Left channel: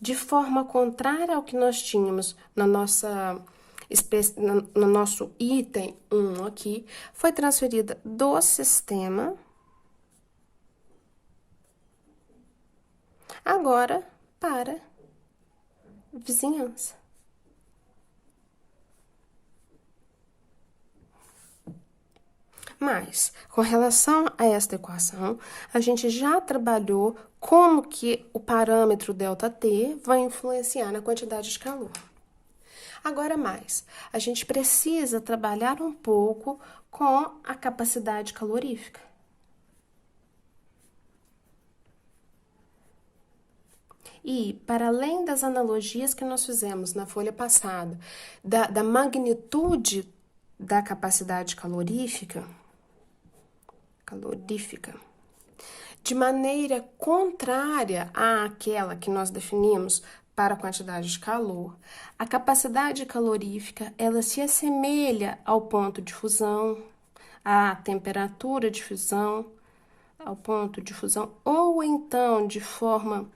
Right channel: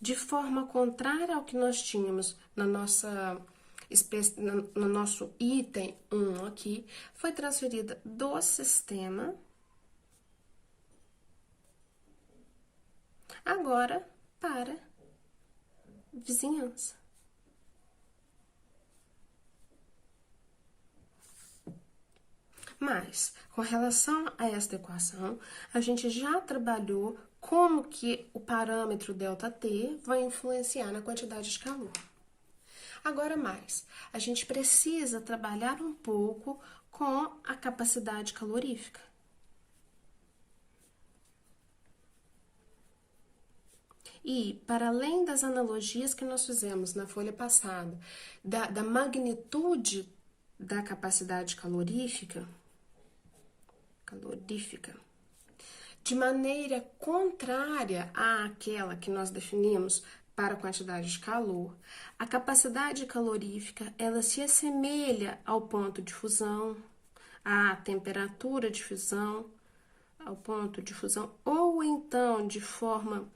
de forma contrária ao que nós tínhamos na nossa no nosso item 1 aqui, foi transferida do sistema agora para vizinhança. Mas, com relação a esta equação, a gente já trabalhou como que o parâmetro ΔT vai influenciar na quantidade de calor. Agora mais, a gente precisa trabalhar um pouco com a capacidade calorífica. E, para além das analogias que nós fizemos na folha passada, da magnitude da capacidade calorífica, de maneira contrária àquela que nós definimos para a quantidade de calor, a capacidade calorífica, ela se assemelha ao ponto de fusão, à temperatura de fusão, ao ponto de fusão, ou então de forma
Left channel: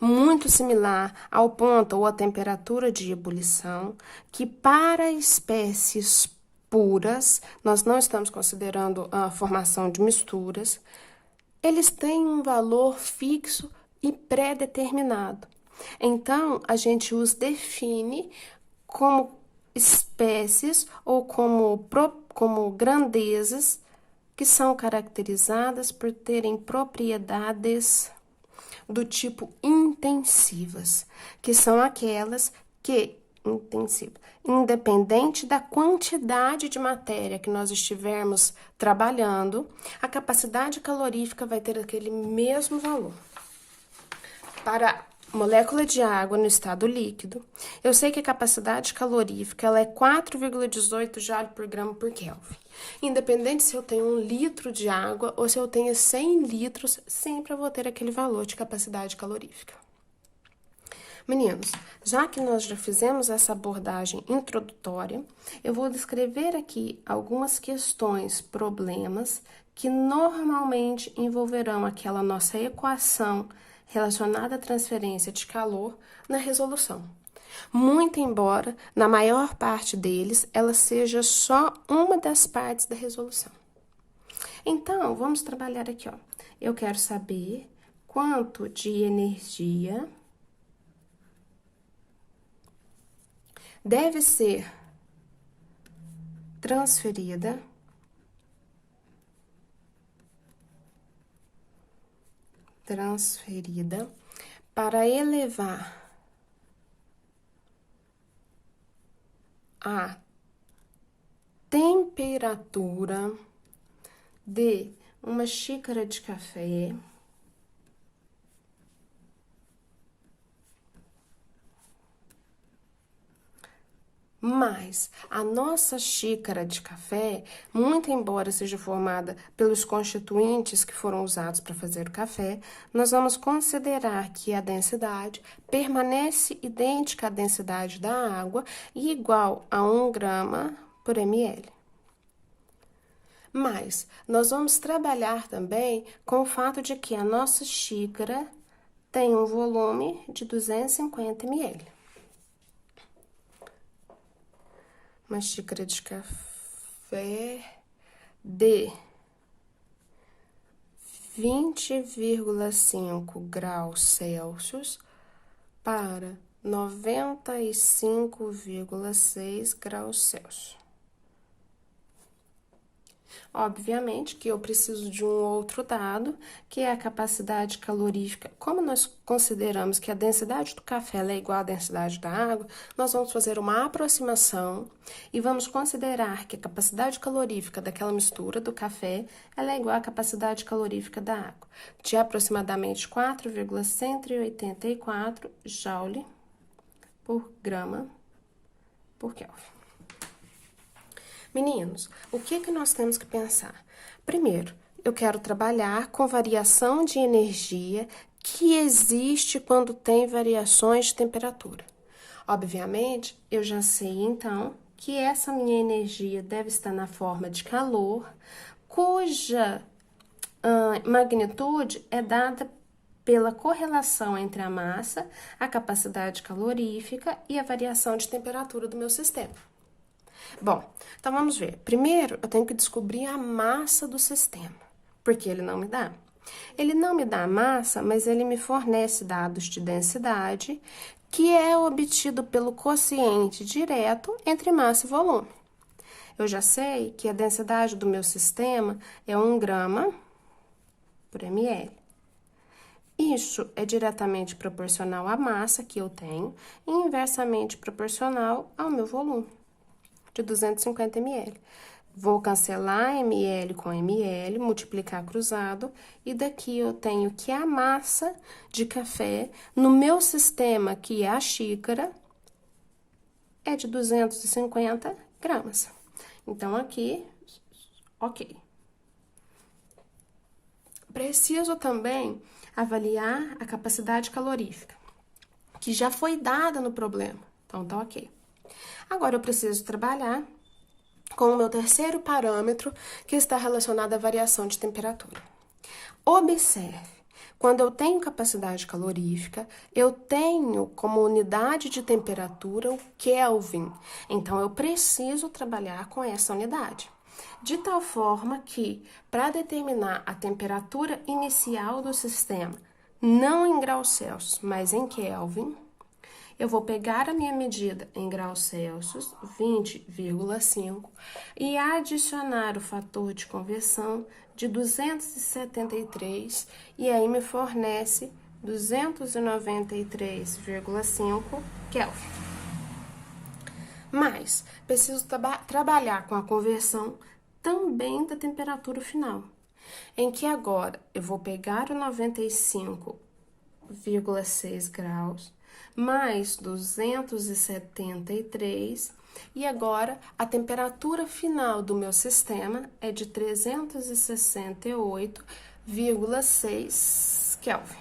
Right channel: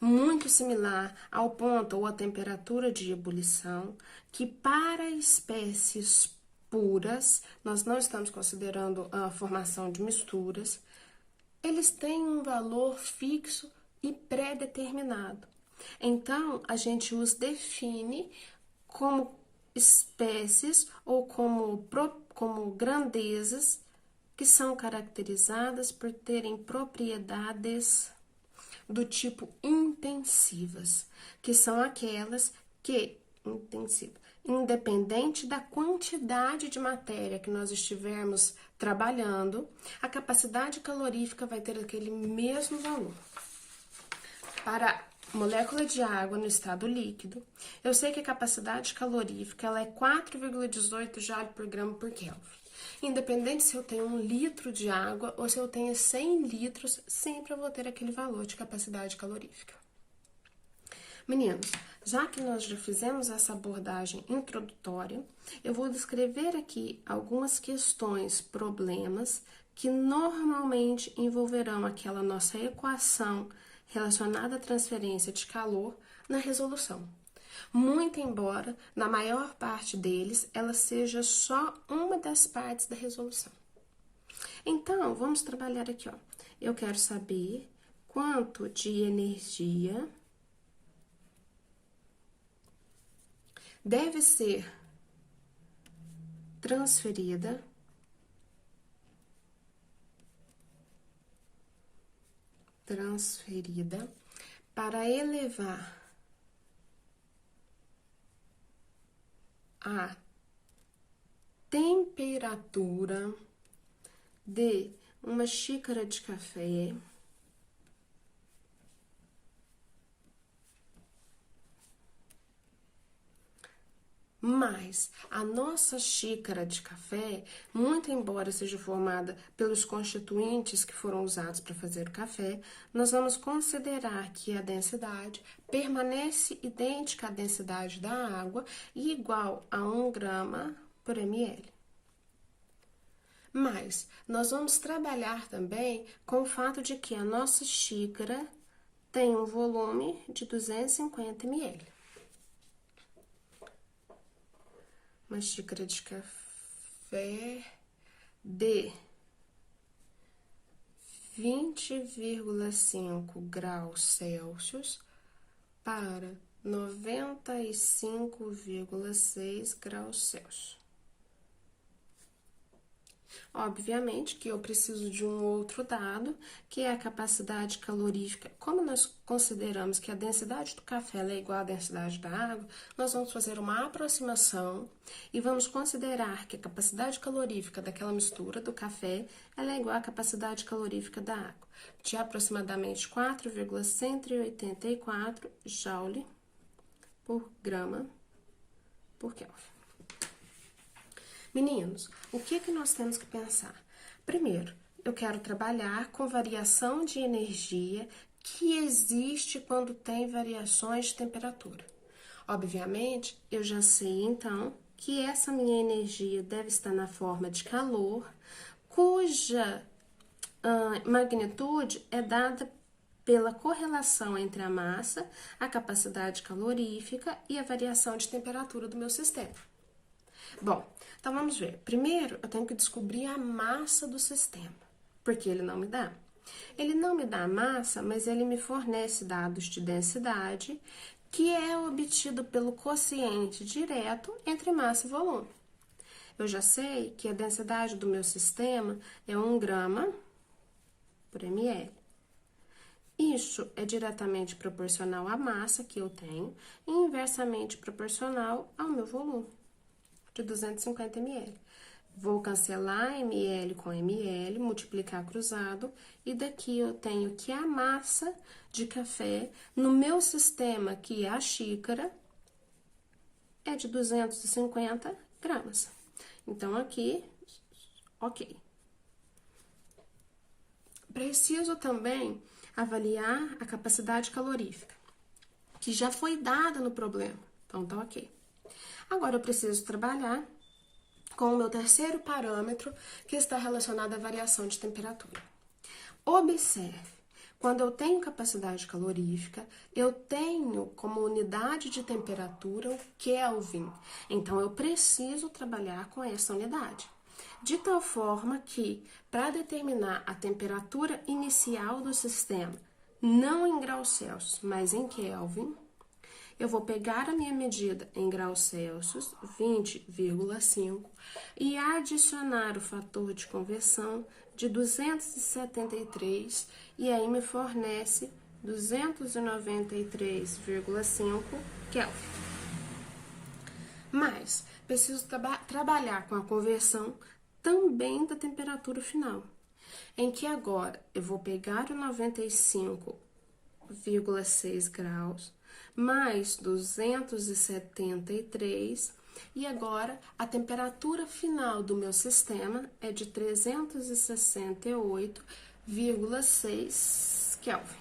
muito similar ao ponto ou à temperatura de ebulição, que para espécies puras, nós não estamos considerando a formação de misturas, eles têm um valor fixo e pré-determinado. Então, a gente os define como espécies ou como grandezas que são caracterizadas por terem propriedades do tipo intensivas, que são aquelas que, independente da quantidade de matéria que nós estivermos trabalhando, a capacidade calorífica vai ter aquele mesmo valor. Para molécula de água no estado líquido, eu sei que a capacidade calorífica ela é 4,18 joule por grama por Kelvin. Independente se eu tenho 1 litro de água ou se eu tenho 100 litros, sempre eu vou ter aquele valor de capacidade calorífica. Meninos, já que nós já fizemos essa abordagem introdutória, eu vou descrever aqui algumas questões, problemas, que normalmente envolverão aquela nossa equação relacionada à transferência de calor na resolução. Muito embora, na maior parte deles, ela seja só uma das partes da resolução. Então, vamos trabalhar aqui, ó. Eu quero saber quanto de energia deve ser transferida para elevar a temperatura de uma xícara de café mas a nossa xícara de café, muito embora seja formada pelos constituintes que foram usados para fazer o café, nós vamos considerar que a densidade permanece idêntica à densidade da água e igual a 1 grama por ml. Mas nós vamos trabalhar também com o fato de que a nossa xícara tem um volume de 250 ml. Uma xícara de café de 20,5 graus Celsius para 95,6 graus Celsius. Obviamente que eu preciso de um outro dado, que é a capacidade calorífica. Como nós consideramos que a densidade do café é igual à densidade da água, nós vamos fazer uma aproximação e vamos considerar que a capacidade calorífica daquela mistura do café ela é igual à capacidade calorífica da água, de aproximadamente 4,184 joule por grama por Kelvin. Meninos, o que nós temos que pensar? Primeiro, eu quero trabalhar com variação de energia que existe quando tem variações de temperatura. Obviamente, eu já sei, então, que essa minha energia deve estar na forma de calor, cuja magnitude é dada pela correlação entre a massa, a capacidade calorífica e a variação de temperatura do meu sistema. Bom, então vamos ver. Primeiro, eu tenho que descobrir a massa do sistema, porque ele não me dá. Ele não me dá a massa, mas ele me fornece dados de densidade, que é obtido pelo quociente direto entre massa e volume. Eu já sei que a densidade do meu sistema é 1 grama por ml. Isso é diretamente proporcional à massa que eu tenho e inversamente proporcional ao meu volume, de 250 ml. Vou cancelar ml com ml, multiplicar cruzado, e daqui eu tenho que a massa de café no meu sistema, que é a xícara, é de 250 gramas. Então, aqui, ok. Preciso também avaliar a capacidade calorífica, que já foi dada no problema. Então, tá ok. Agora, eu preciso trabalhar com o meu terceiro parâmetro, que está relacionado à variação de temperatura. Observe, quando eu tenho capacidade calorífica, eu tenho como unidade de temperatura o Kelvin. Então, eu preciso trabalhar com essa unidade. De tal forma que, para determinar a temperatura inicial do sistema, não em graus Celsius, mas em Kelvin, eu vou pegar a minha medida em graus Celsius, 20,5, e adicionar o fator de conversão de 273, e aí me fornece 293,5 Kelvin. Mas preciso trabalhar com a conversão também da temperatura final, em que agora eu vou pegar o 95,6 graus mais 273, e agora a temperatura final do meu sistema é de 368,6 Kelvin.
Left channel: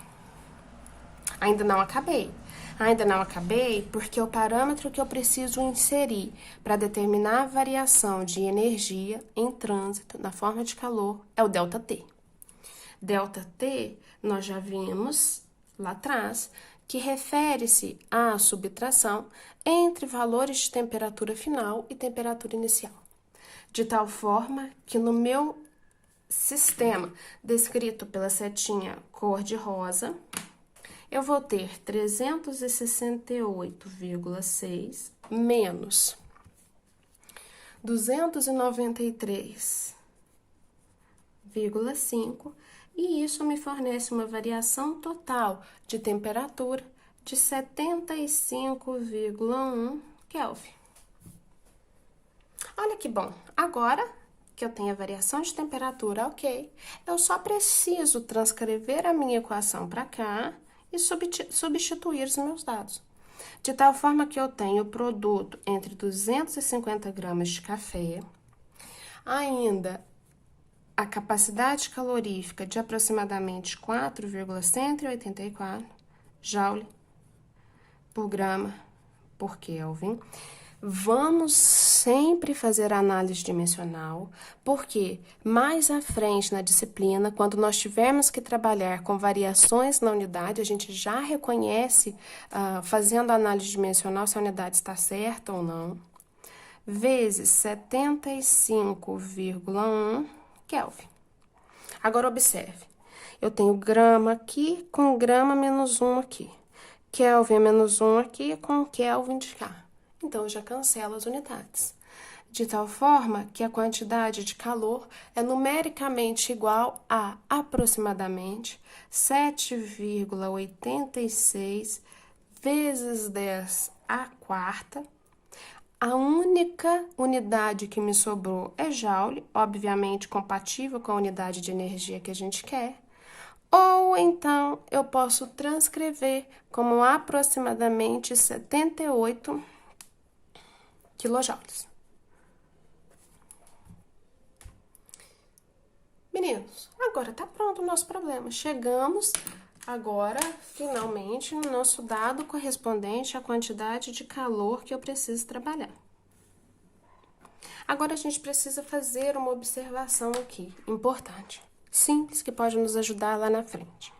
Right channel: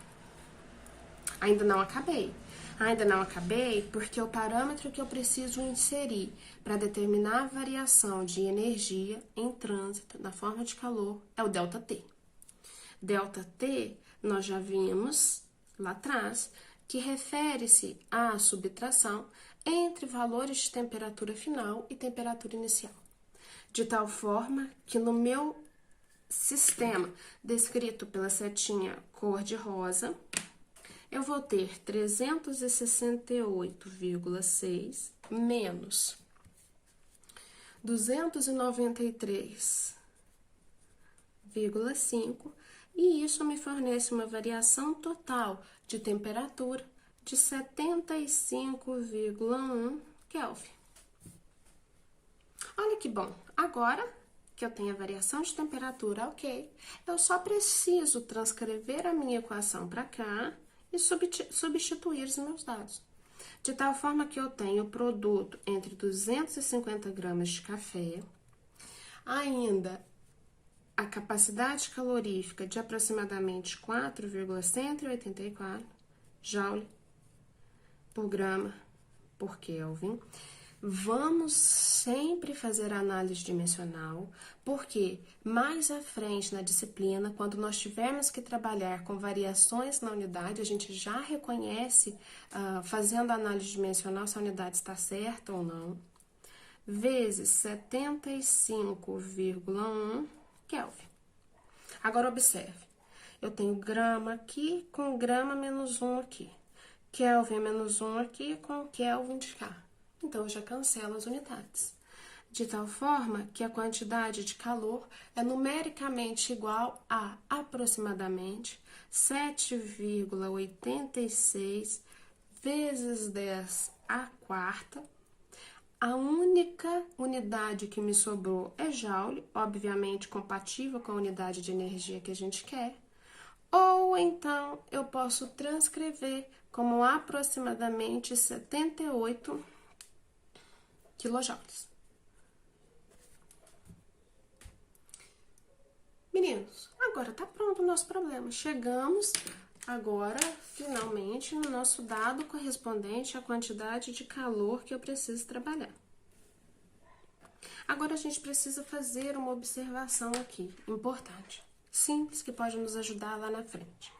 Ainda não acabei. Ainda não acabei porque o parâmetro que eu preciso inserir para determinar a variação de energia em trânsito na forma de calor é o ΔT. ΔT, nós já vimos lá atrás, que refere-se à subtração entre valores de temperatura final e temperatura inicial. De tal forma que no meu sistema, descrito pela setinha cor-de-rosa, eu vou ter 368,6 menos 293,5, e isso me fornece uma variação total de temperatura de 75,1 Kelvin. Olha que bom! Agora que eu tenho a variação de temperatura, ok, eu só preciso transcrever a minha equação para cá e substituir os meus dados. De tal forma que eu tenho o produto entre 250 gramas de café, ainda a capacidade calorífica de aproximadamente 4,184 joule por grama por Kelvin. Vamos sempre fazer análise dimensional, porque mais à frente na disciplina, quando nós tivermos que trabalhar com variações na unidade, a gente já reconhece, fazendo análise dimensional, se a unidade está certa ou não, vezes 75,1 Kelvin. Agora, observe, eu tenho grama aqui com grama menos 1 aqui, Kelvin menos 1 aqui com Kelvin de cá. Então, eu já cancelo as unidades. De tal forma que a quantidade de calor é numericamente igual a aproximadamente 7,86 vezes 10 à quarta. A única unidade que me sobrou é joule, obviamente compatível com a unidade de energia que a gente quer. Ou então, eu posso transcrever como aproximadamente 78 quilojoules. Meninos, agora tá pronto o nosso problema. Chegamos agora, finalmente, no nosso dado correspondente à quantidade de calor que eu preciso trabalhar. Agora, a gente precisa fazer uma observação aqui, importante, simples, que pode nos ajudar lá na frente.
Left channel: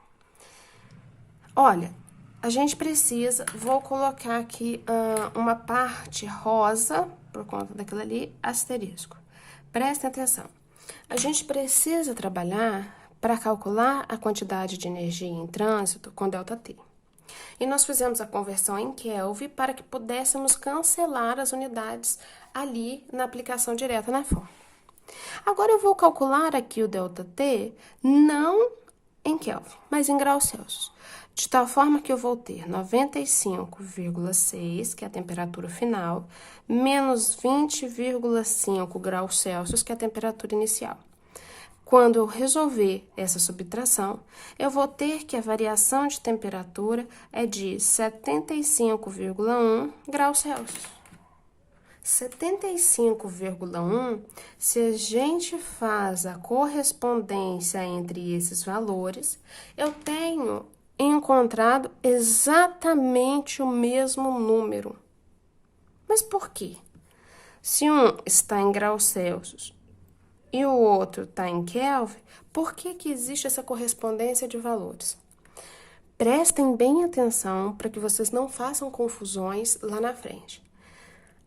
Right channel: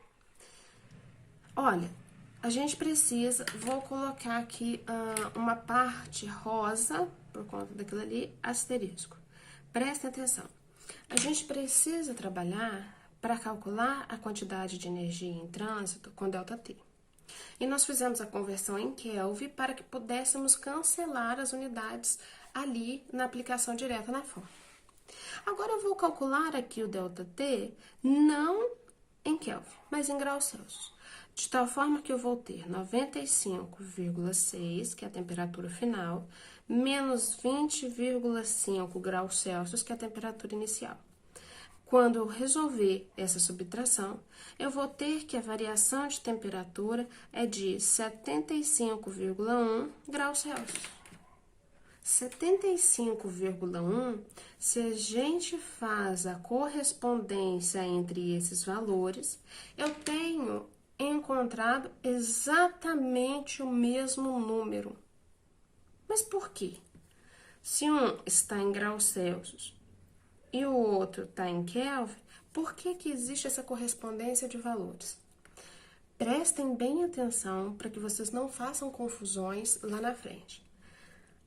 Olha, a gente precisa, vou colocar aqui uma parte rosa, por conta daquilo ali, asterisco. Prestem atenção. A gente precisa trabalhar para calcular a quantidade de energia em trânsito com ΔT. E nós fizemos a conversão em Kelvin para que pudéssemos cancelar as unidades ali na aplicação direta na fórmula. Agora, eu vou calcular aqui o ΔT não em Kelvin, mas em graus Celsius. De tal forma que eu vou ter 95,6, que é a temperatura final, menos 20,5 graus Celsius, que é a temperatura inicial. Quando eu resolver essa subtração, eu vou ter que a variação de temperatura é de 75,1 graus Celsius. 75,1, se a gente faz a correspondência entre esses valores, eu tenho encontrado exatamente o mesmo número. Mas por quê? Se um está em graus Celsius e o outro está em Kelvin, por que existe essa correspondência de valores? Prestem bem atenção para que vocês não façam confusões lá na frente.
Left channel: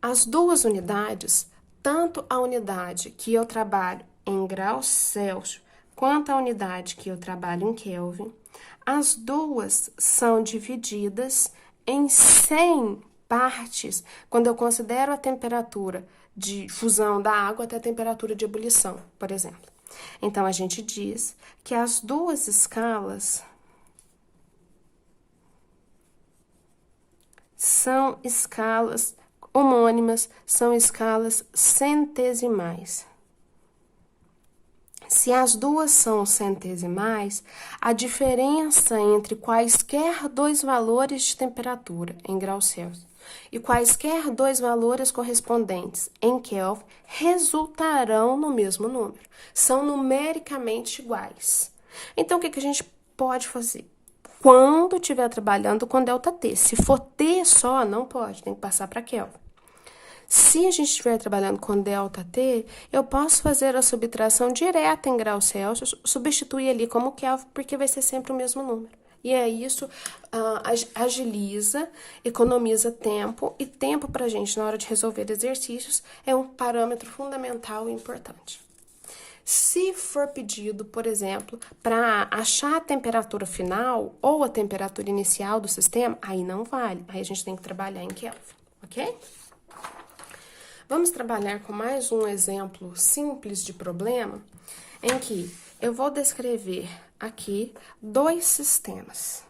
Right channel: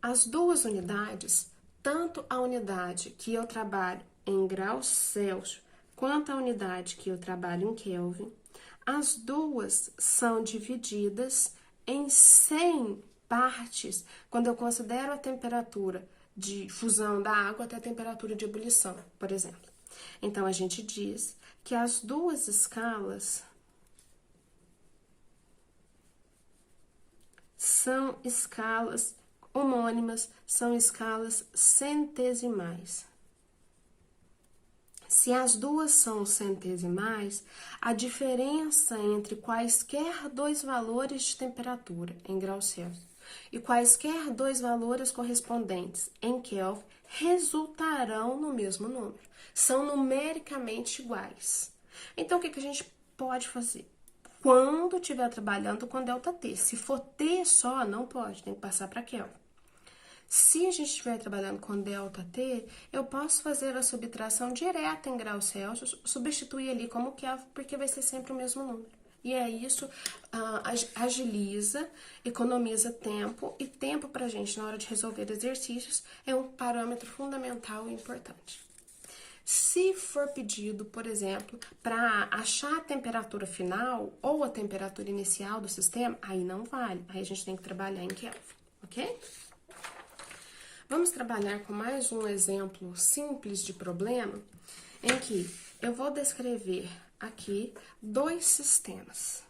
As duas unidades, tanto a unidade que eu trabalho em graus Celsius, quanto a unidade que eu trabalho em Kelvin, as duas são divididas em 100 partes, quando eu considero a temperatura de fusão da água até a temperatura de ebulição, por exemplo. Então, a gente diz que as duas escalas são escalas homônimas, são escalas centesimais. Se as duas são centesimais, a diferença entre quaisquer dois valores de temperatura em graus Celsius e quaisquer dois valores correspondentes em Kelvin resultarão no mesmo número. São numericamente iguais. Então, o que a gente pode fazer? Quando estiver trabalhando com ΔT, se for T só, não pode, tem que passar para Kelvin. Se a gente estiver trabalhando com ΔT, eu posso fazer a subtração direta em graus Celsius, substituir ali como Kelvin, porque vai ser sempre o mesmo número. E é isso, agiliza, economiza tempo, e tempo para a gente, na hora de resolver exercícios, é um parâmetro fundamental e importante. Se for pedido, por exemplo, para achar a temperatura final ou a temperatura inicial do sistema, aí não vale, aí a gente tem que trabalhar em Kelvin, ok? Vamos trabalhar com mais um exemplo simples de problema, em que eu vou descrever aqui dois sistemas.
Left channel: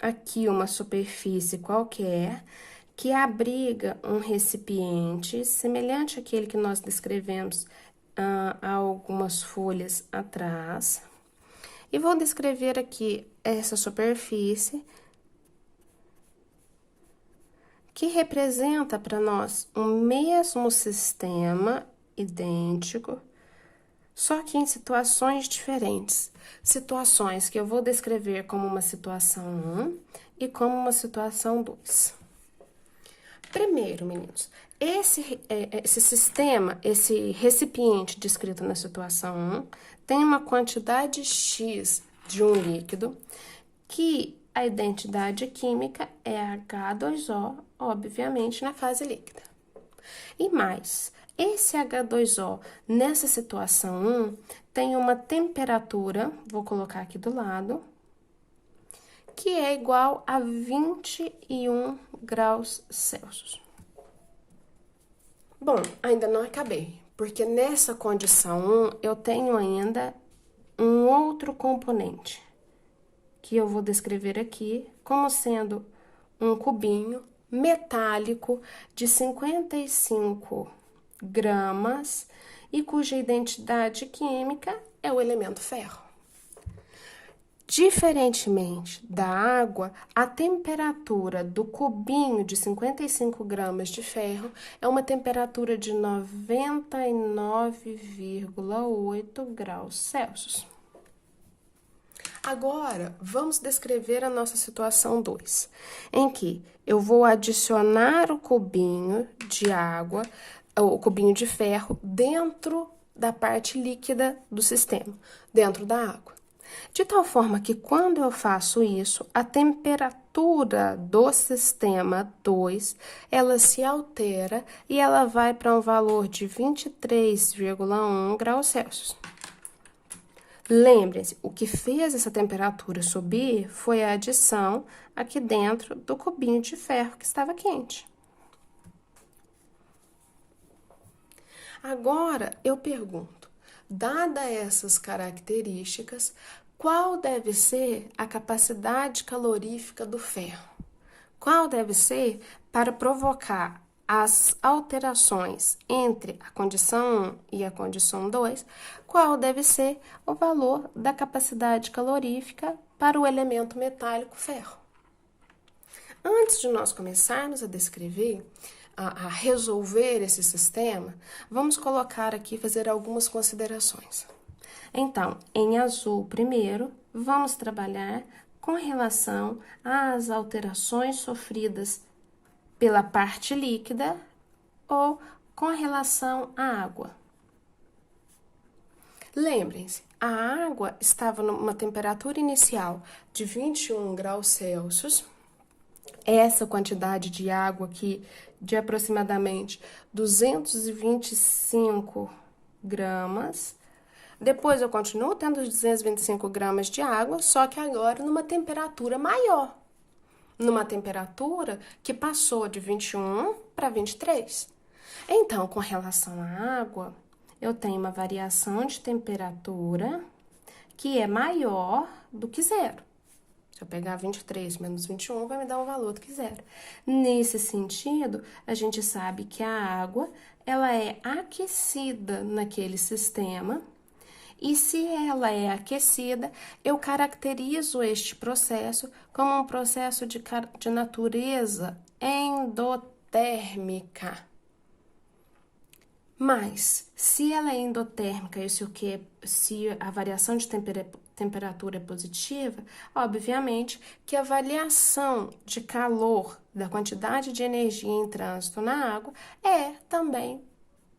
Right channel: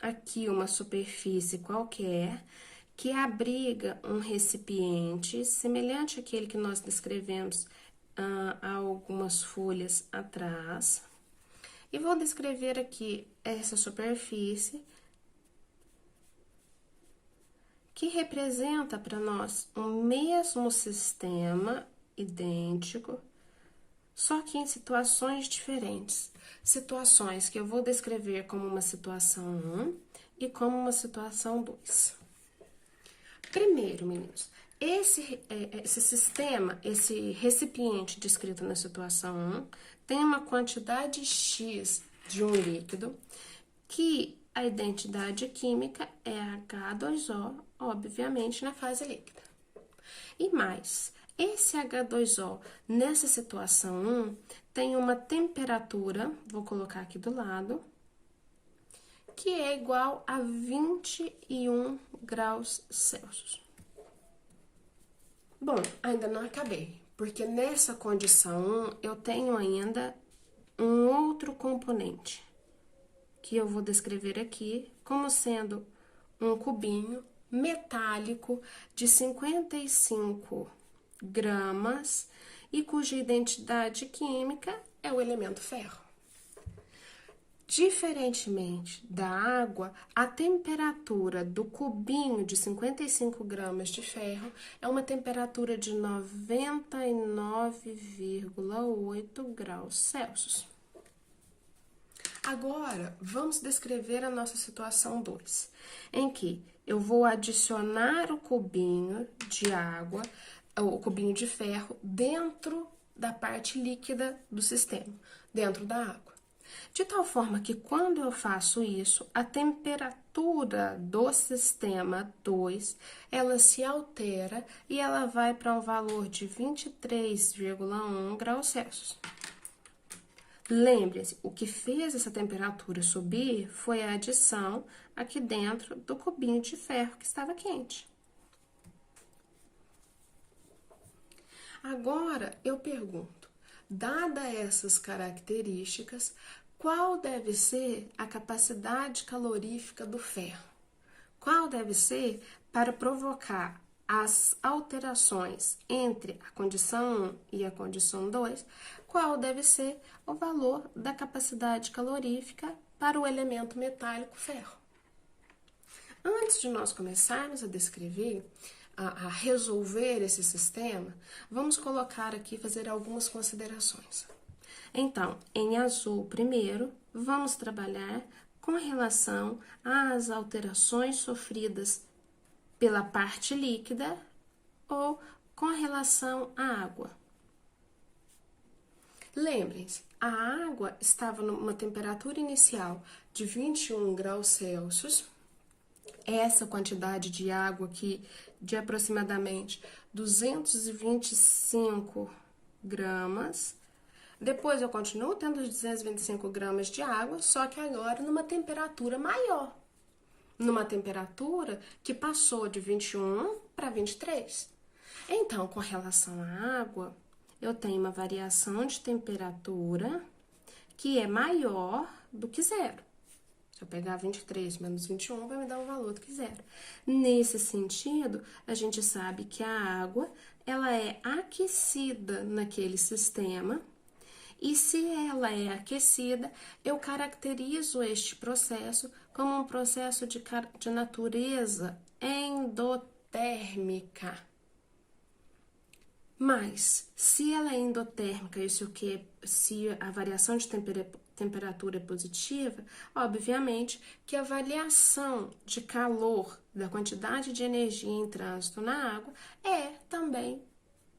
Aqui uma superfície qualquer que abriga um recipiente semelhante àquele que nós descrevemos há algumas folhas atrás. E vou descrever aqui essa superfície que representa para nós o mesmo sistema idêntico, só que em situações diferentes. Situações que eu vou descrever como uma situação 1 e como uma situação 2. Primeiro, meninos, esse sistema, esse recipiente descrito na situação 1, tem uma quantidade X de um líquido que a identidade química é H2O, obviamente, na fase líquida. E mais, esse H2O, nessa situação 1, tem uma temperatura, vou colocar aqui do lado, que é igual a 21 graus Celsius. Bom, ainda não acabei, porque nessa condição 1, eu tenho ainda um outro componente, que eu vou descrever aqui como sendo um cubinho metálico de 55 gramas e cuja identidade química é o elemento ferro. Diferentemente da água, a temperatura do cubinho de 55 gramas de ferro é uma temperatura de 99,8 graus Celsius. Agora, vamos descrever a nossa situação 2, em que eu vou adicionar o cubinho de água, o cubinho de ferro, dentro da parte líquida do sistema, dentro da água. De tal forma que quando eu faço isso, a temperatura do sistema 2, ela se altera e ela vai para um valor de 23,1 graus Celsius. Lembrem-se, o que fez essa temperatura subir foi a adição aqui dentro do cubinho de ferro que estava quente. Agora, eu pergunto, dada essas características, qual deve ser a capacidade calorífica do ferro? Qual deve ser para provocar as alterações entre a condição 1 e a condição 2? Qual deve ser o valor da capacidade calorífica para o elemento metálico ferro? Antes de nós começarmos a descrever, a resolver esse sistema, vamos colocar aqui, fazer algumas considerações. Então, em azul, primeiro, vamos trabalhar com relação às alterações sofridas pela parte líquida ou com relação à água. Lembrem-se, a água estava numa temperatura inicial de 21 graus Celsius. Essa quantidade de água aqui, de aproximadamente 225 gramas. Depois eu continuo tendo os 225 gramas de água, só que agora numa temperatura maior. Numa temperatura que passou de 21 para 23. Então, com relação à água, eu tenho uma variação de temperatura que é maior do que zero. Se eu pegar 23 menos 21, vai me dar um valor do que zero. Nesse sentido, a gente sabe que a água, ela é aquecida naquele sistema, e se ela é aquecida, eu caracterizo este processo como um processo de natureza endotérmica. Mas, se ela é endotérmica, se a variação de temperatura é positiva, obviamente que a variação de calor da quantidade de energia em trânsito na água é também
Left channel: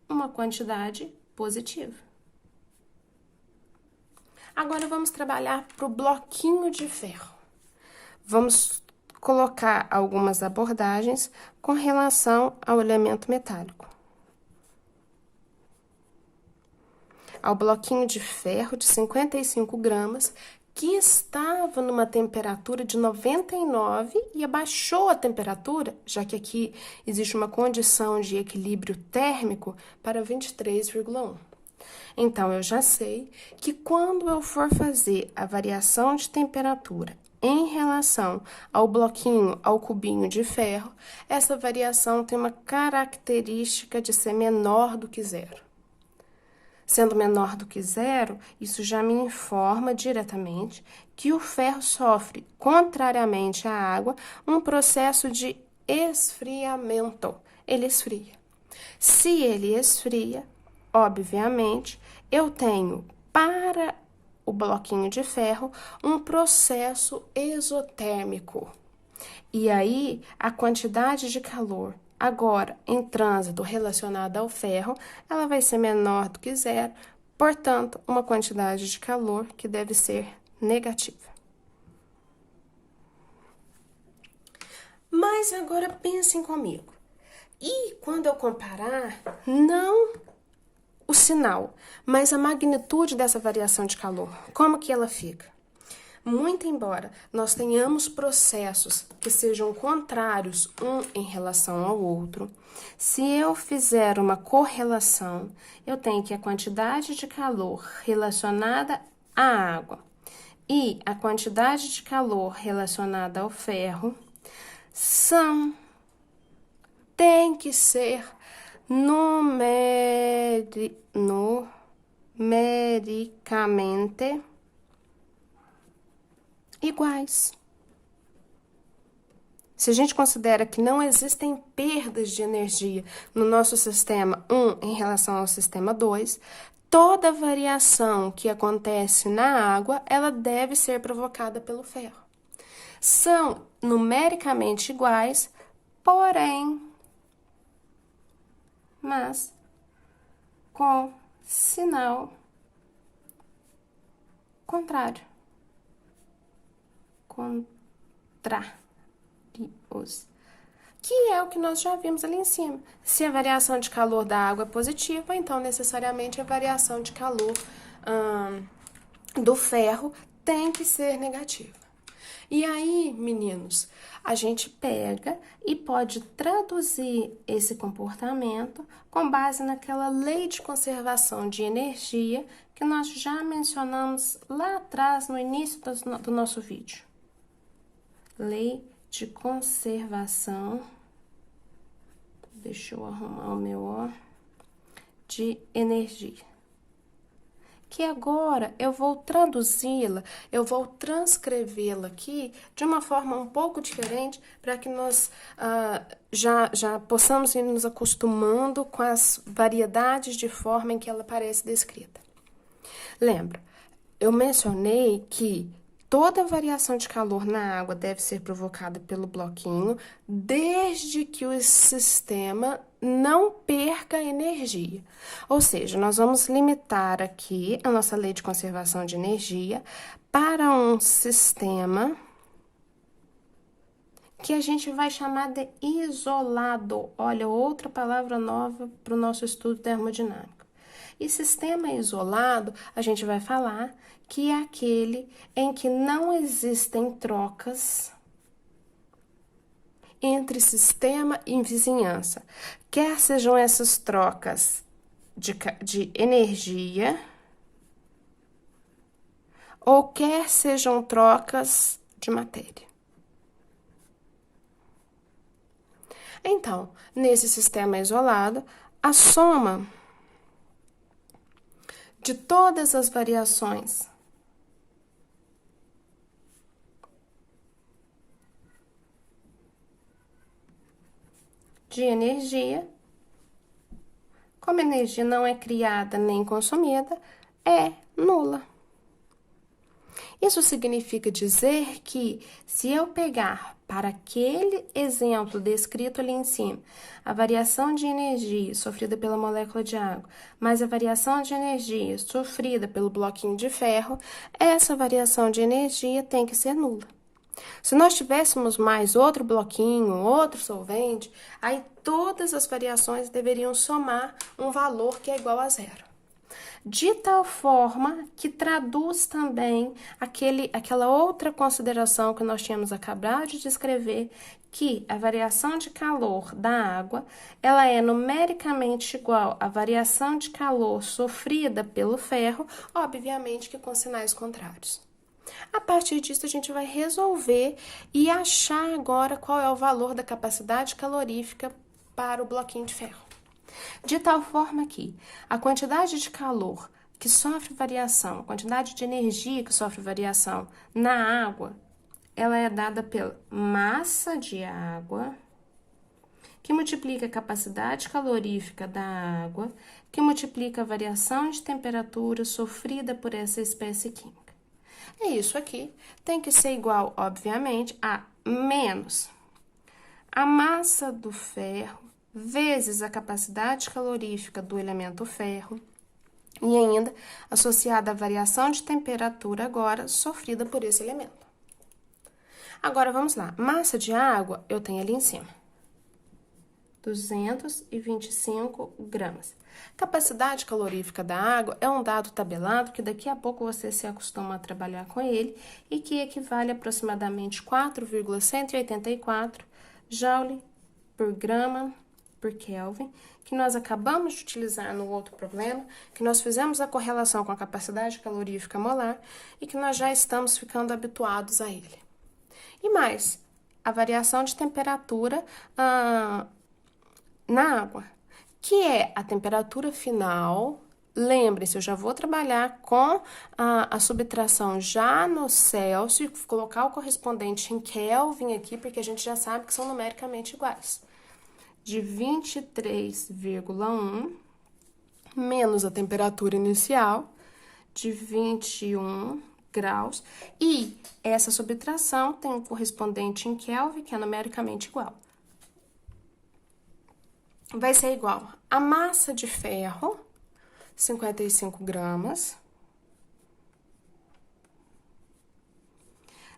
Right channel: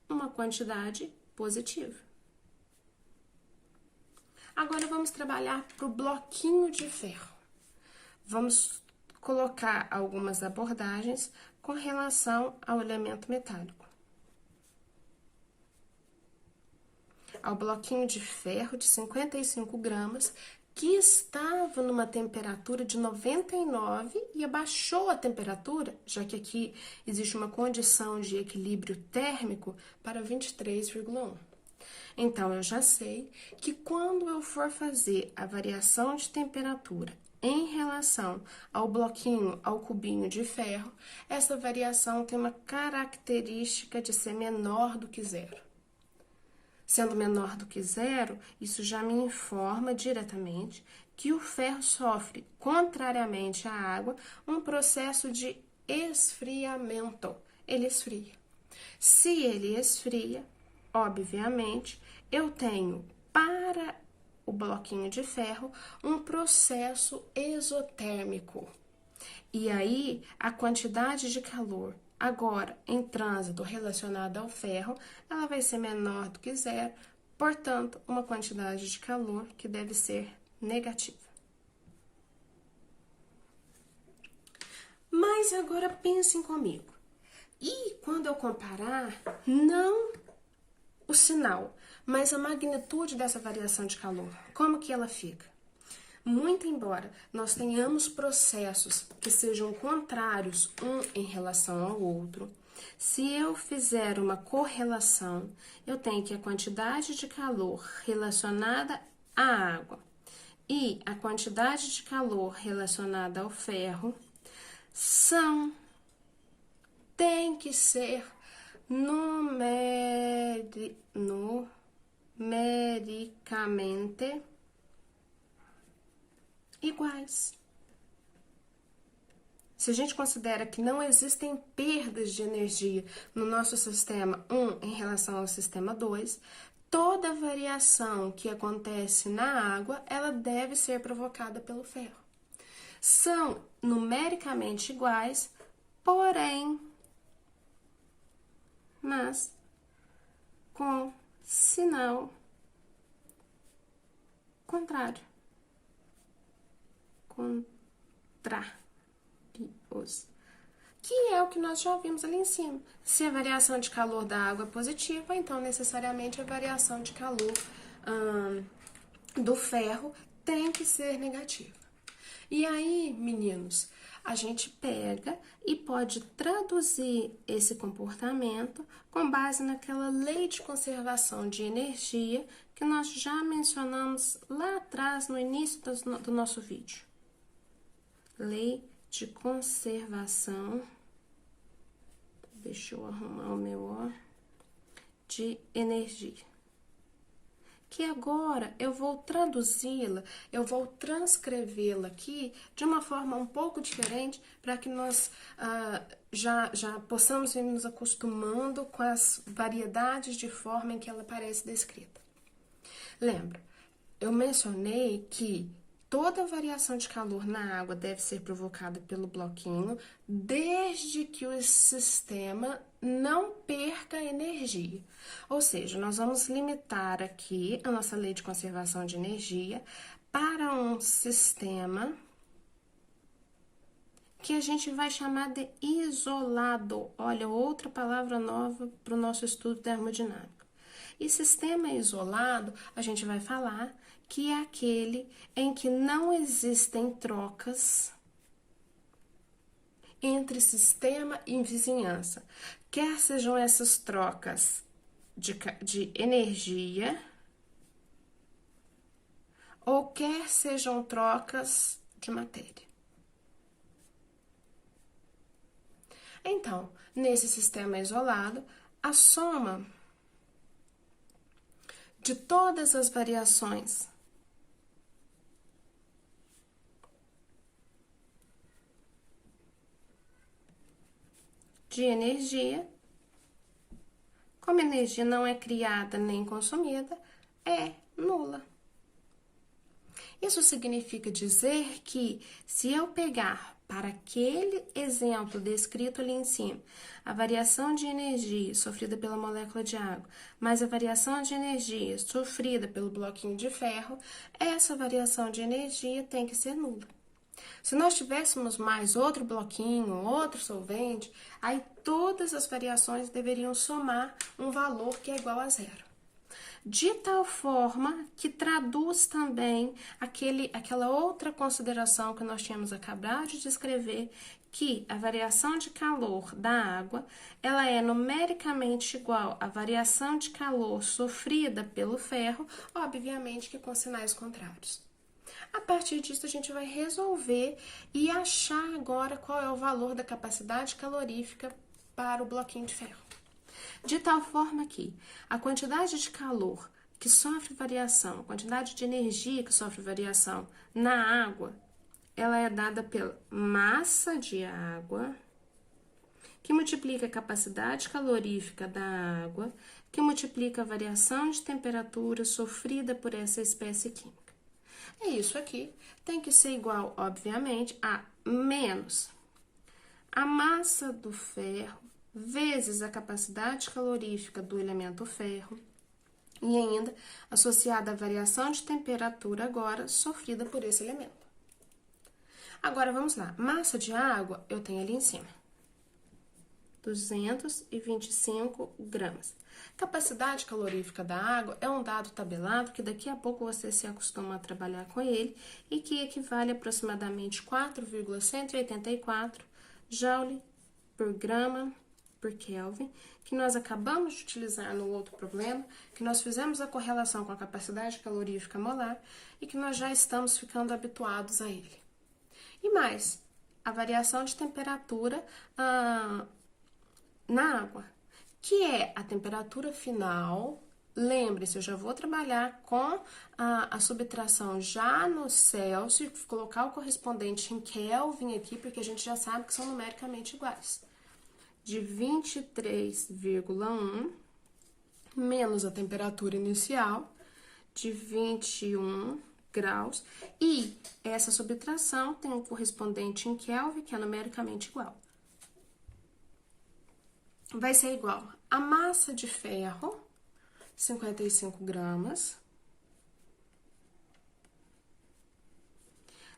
uma quantidade positiva. Agora vamos trabalhar para o bloquinho de ferro. Vamos colocar algumas abordagens com relação ao elemento metálico. Ao bloquinho de ferro de 55 gramas, que estava numa temperatura de 99 e abaixou a temperatura, já que aqui existe uma condição de equilíbrio térmico, para 23,1. Então, eu já sei que quando eu for fazer a variação de temperatura em relação ao bloquinho, ao cubinho de ferro, essa variação tem uma característica de ser menor do que zero. Sendo menor do que zero, isso já me informa diretamente que o ferro sofre, contrariamente à água, um processo de esfriamento. Ele esfria. Se ele esfria, obviamente, eu tenho para o bloquinho de ferro um processo exotérmico. E aí, a quantidade de calor agora em trânsito relacionada ao ferro, ela vai ser menor do que zero, portanto, uma quantidade de calor que deve ser negativa. Mas agora pensem comigo. E quando eu comparar, não o sinal, mas a magnitude dessa variação de calor, como que ela fica? Muito embora nós tenhamos processos que sejam contrários um em relação ao outro, se eu fizer uma correlação, eu tenho que a quantidade de calor relacionada à água e a quantidade de calor relacionada ao ferro tem que ser numericamente iguais. Se a gente considera que não existem perdas de energia no nosso sistema 1 em relação ao sistema 2, toda variação que acontece na água, ela deve ser provocada pelo ferro. São numericamente iguais, porém, mas com sinal contrário. Contrários. Que é o que nós já vimos ali em cima. Se a variação de calor da água é positiva, então necessariamente a variação de calor do ferro tem que ser negativa. E aí, meninos, a gente pega e pode traduzir esse comportamento com base naquela lei de conservação de energia que nós já mencionamos lá atrás, no início do nosso vídeo. Lei de conservação, deixa eu arrumar o meu ó, de energia. Que agora eu vou traduzi-la, eu vou transcrevê-la aqui de uma forma um pouco diferente para que nós já possamos ir nos acostumando com as variedades de forma em que ela aparece descrita. Lembra, eu mencionei que toda variação de calor na água deve ser provocada pelo bloquinho, desde que o sistema não perca energia. Ou seja, nós vamos limitar aqui a nossa lei de conservação de energia para um sistema que a gente vai chamar de isolado. Olha, outra palavra nova para o nosso estudo termodinâmico. E sistema isolado, a gente vai falar que é aquele em que não existem trocas entre sistema e vizinhança, quer sejam essas trocas de energia, ou quer sejam trocas de matéria. Então, nesse sistema isolado, a soma de todas as variações de energia, como energia não é criada nem consumida, é nula. Isso significa dizer que, se eu pegar para aquele exemplo descrito ali em cima, a variação de energia sofrida pela molécula de água, mais a variação de energia sofrida pelo bloquinho de ferro, essa variação de energia tem que ser nula. Se nós tivéssemos mais outro bloquinho, outro solvente, aí todas as variações deveriam somar um valor que é igual a zero. De tal forma que traduz também aquela outra consideração que nós tínhamos acabado de descrever, que a variação de calor da água, ela é numericamente igual à variação de calor sofrida pelo ferro, obviamente que com sinais contrários. A partir disso, a gente vai resolver e achar agora qual é o valor da capacidade calorífica para o bloquinho de ferro. De tal forma que a quantidade de calor que sofre variação, a quantidade de energia que sofre variação na água, ela é dada pela massa de água, que multiplica a capacidade calorífica da água, que multiplica a variação de temperatura sofrida por essa espécie química. É isso aqui, tem que ser igual, obviamente, a menos a massa do ferro vezes a capacidade calorífica do elemento ferro e ainda associada à variação de temperatura agora sofrida por esse elemento. Agora, vamos lá. Massa de água eu tenho ali em cima. 225 gramas. Capacidade calorífica da água é um dado tabelado que daqui a pouco você se acostuma a trabalhar com ele e que equivale a aproximadamente 4,184 joule por grama por Kelvin, que nós acabamos de utilizar no outro problema, que nós fizemos a correlação com a capacidade calorífica molar e que nós já estamos ficando habituados a ele. E mais, a variação de temperatura na água, que é a temperatura final. Lembre-se, eu já vou trabalhar com a subtração já no Celsius, colocar o correspondente em Kelvin aqui, porque a gente já sabe que são numericamente iguais. De 23,1 menos a temperatura inicial de 21 graus. E essa subtração tem um correspondente em Kelvin, que é numericamente igual. Vai ser igual a massa de ferro 55 gramas,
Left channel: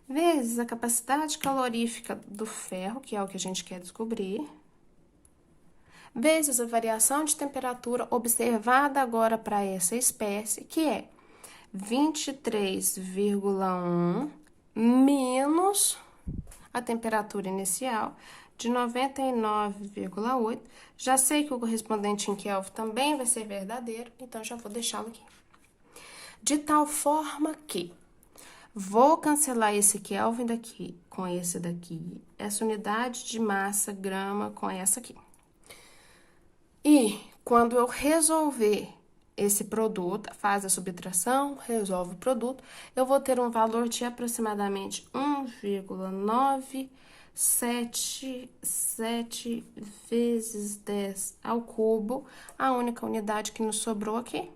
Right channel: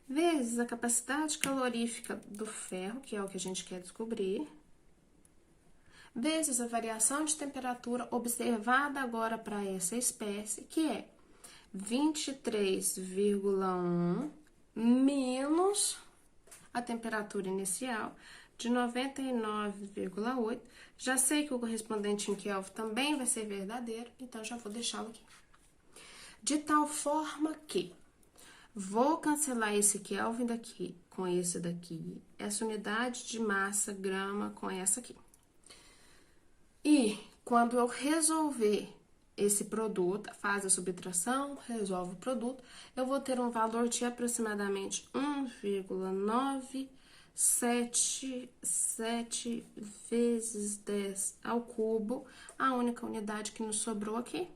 vezes a capacidade calorífica do ferro, que é o que a gente quer descobrir, vezes a variação de temperatura observada agora para essa espécie, que é 23,1 menos a temperatura inicial de 99,8. Já sei que o correspondente em Kelvin também vai ser verdadeiro, então já vou deixá-lo aqui. De tal forma que vou cancelar esse Kelvin daqui com esse daqui, essa unidade de massa grama com essa aqui. E quando eu resolver esse produto, faz a subtração, resolve o produto, eu vou ter um valor de aproximadamente 1,977 vezes 10 ao cubo, a única unidade que nos sobrou aqui,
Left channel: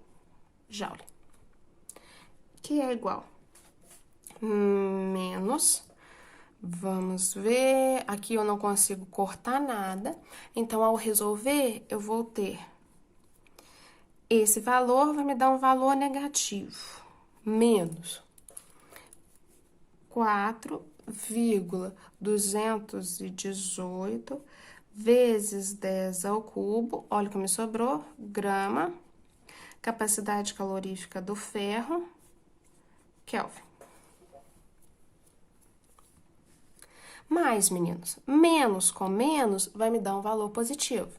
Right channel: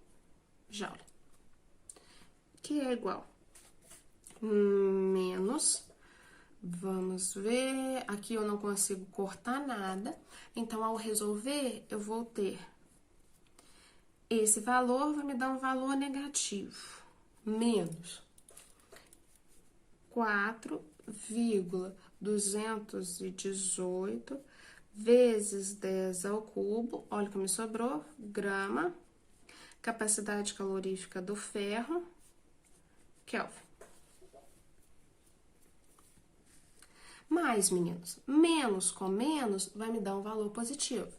joule, que é igual menos, vamos ver, aqui eu não consigo cortar nada, então ao resolver eu vou ter esse valor, vai me dar um valor negativo, menos 4,218 vezes 10 ao cubo, olha o que me sobrou, grama, capacidade calorífica do ferro, Kelvin. Mais, meninos, menos com menos vai me dar um valor positivo.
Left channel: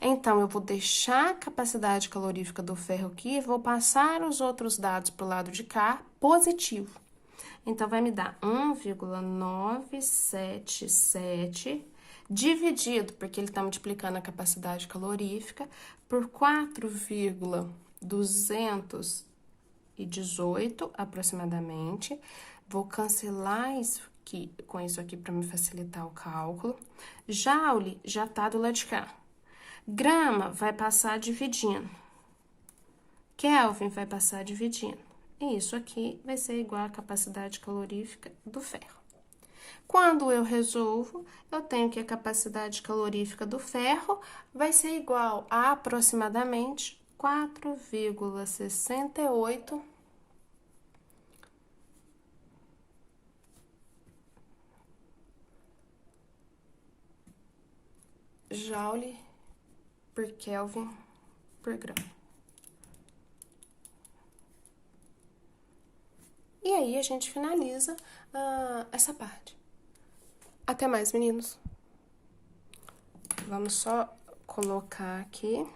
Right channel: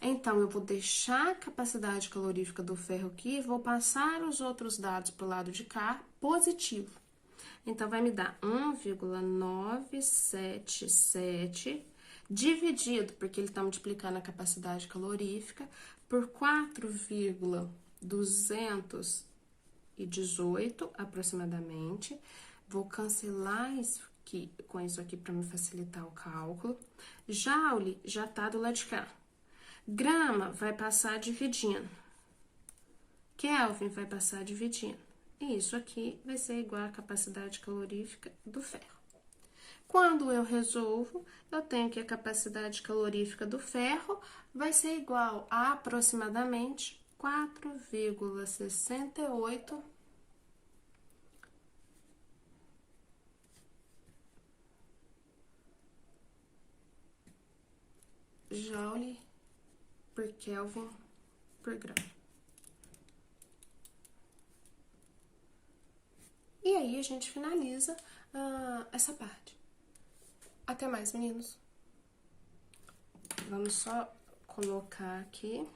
Então, eu vou deixar a capacidade calorífica do ferro aqui e vou passar os outros dados para o lado de cá, positivo. Então, vai me dar 1,977 dividido, porque ele está multiplicando a capacidade calorífica, por 4,218 aproximadamente. Vou cancelar isso aqui, com isso aqui para me facilitar o cálculo. Joule já tá do lado de cá. Grama vai passar dividindo. Kelvin vai passar dividindo. E isso aqui vai ser igual à capacidade calorífica do ferro. Quando eu resolvo, eu tenho que a capacidade calorífica do ferro vai ser igual a aproximadamente 4,68 joule por Kelvin por grama. E aí, a gente finaliza essa parte. Até mais, meninos. Vamos só colocar aqui.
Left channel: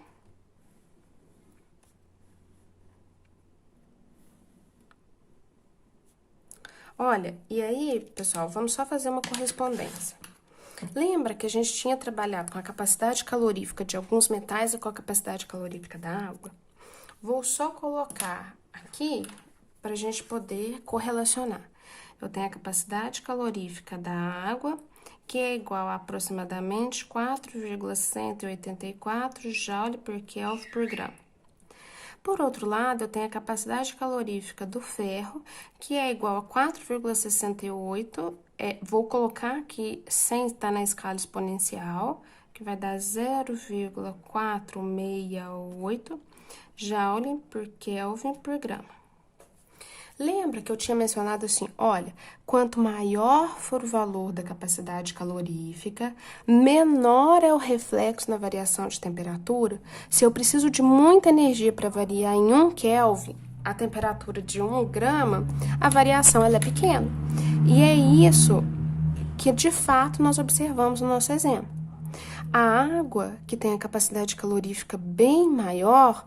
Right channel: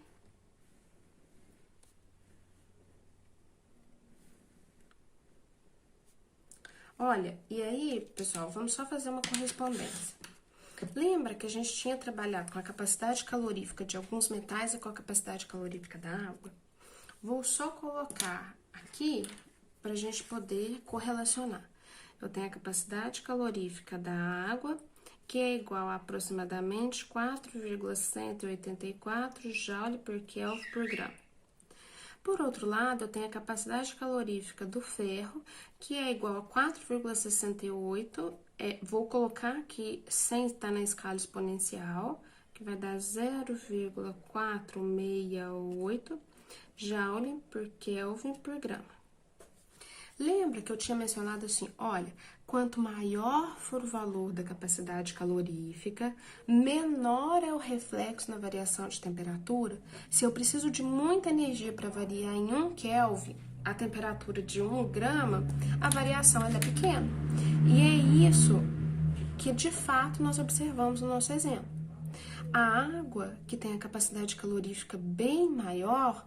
Olha, e aí, pessoal, vamos só fazer uma correspondência. Lembra que a gente tinha trabalhado com a capacidade calorífica de alguns metais e com a capacidade calorífica da água? Vou só colocar aqui para a gente poder correlacionar. Eu tenho a capacidade calorífica da água, que é igual a aproximadamente 4,184 joule por Kelvin por grama. Por outro lado, eu tenho a capacidade calorífica do ferro, que é igual a 4,68, vou colocar aqui sem estar na escala exponencial, que vai dar 0,468 joule por Kelvin por grama. Lembra que eu tinha mencionado assim, olha, quanto maior for o valor da capacidade calorífica, menor é o reflexo na variação de temperatura. Se eu preciso de muita energia para variar em 1 Kelvin, a temperatura de 1 grama, a variação ela é pequena. E é isso que, de fato, nós observamos no nosso exemplo. A água, que tem a capacidade calorífica bem maior,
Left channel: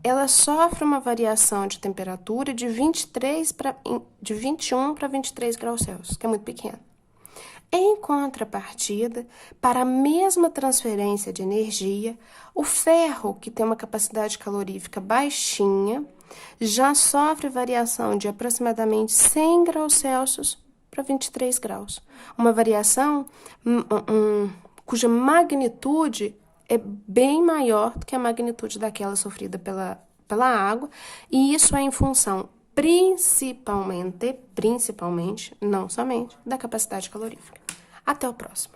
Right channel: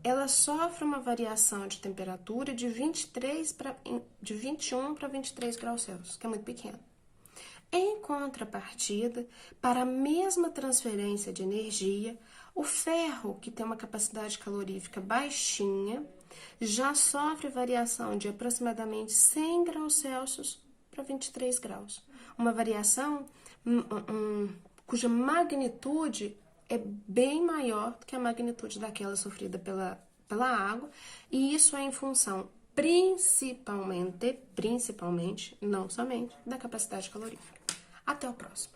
ela sofre uma variação de temperatura de 21 para 23 graus Celsius, que é muito pequeno. Em contrapartida, para a mesma transferência de energia, o ferro, que tem uma capacidade calorífica baixinha, já sofre variação de aproximadamente 100 graus Celsius para 23 graus. Uma variação cuja magnitude é bem maior do que a magnitude daquela sofrida pela água, e isso é em função principalmente, não somente, da capacidade calorífica. Até o próximo.